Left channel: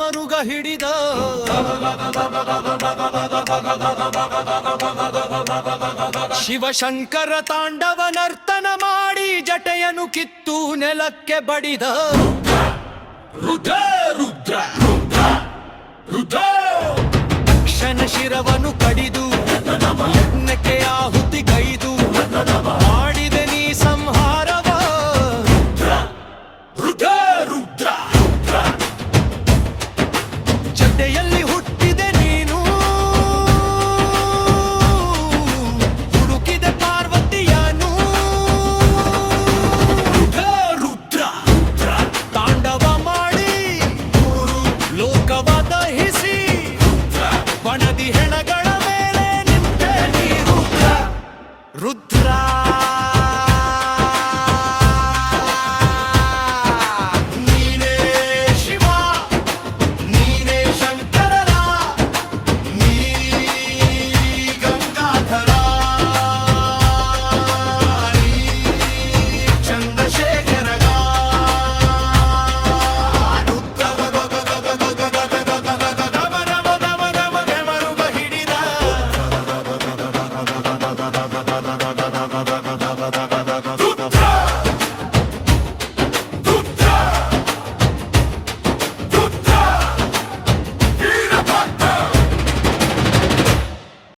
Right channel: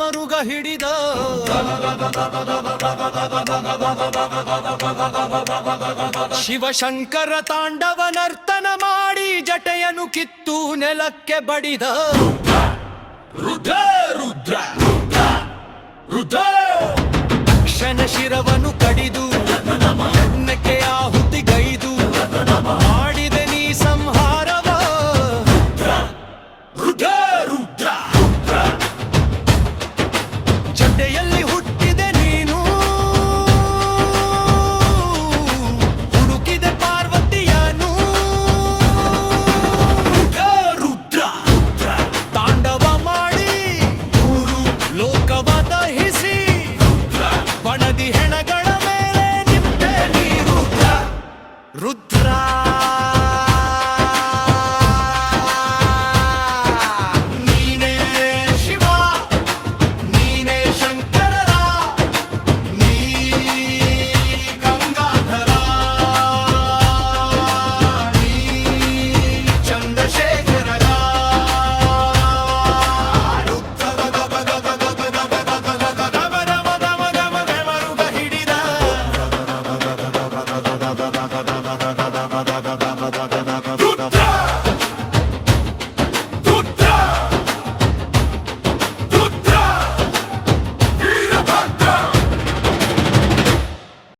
ಮರುಗ ಹಿಡಿದ ಶಿವಶಂಕರ ತಾಂಡವ ನರ್ತನ ಮಾಡಿ ಜಟೆಯನ್ನು ಕಿತ್ತು ನೆಲಕ್ಕೆ ಬಡಿದ ರುದ್ರ ರುದ್ರ ರುದ್ರ ತಕ್ಷಣ ಶಿರವನ್ನು ಕಡಿದು ಯಜ್ಞಕ್ಕೆ ಆಹುತಿಗೈದು ಮಾಡಿದೆ ನೀ ಸಂಹಾರವ ರುದ್ರ ರುದ್ರ ಜಟೆಯಲ್ಲಿ ಹುಟ್ಟಿದೆ ನೀನು ಹುಡುಕಿದೆ ಪಾರ್ವತಿಯನು ರುದ್ರ ತಾಂಡವ ಮಾಡಿ ಲೋಕವ ದಹಿಸಿ ಬಣದಿ ಹೆಣಗಳ ಮೇಲೆ ನಿಂತೆ ನೀ ರುದ್ರ ರುದ್ರ ನೀನೇ ಶಿವ ನೀನೇ ಶಂಕರರ ನೀ ಗಂಗಾಧರ ನೀ ಚಂದ್ರಶೇಖರಗ ಮರುಗ ಹಿಡಿದ ರುದ್ರ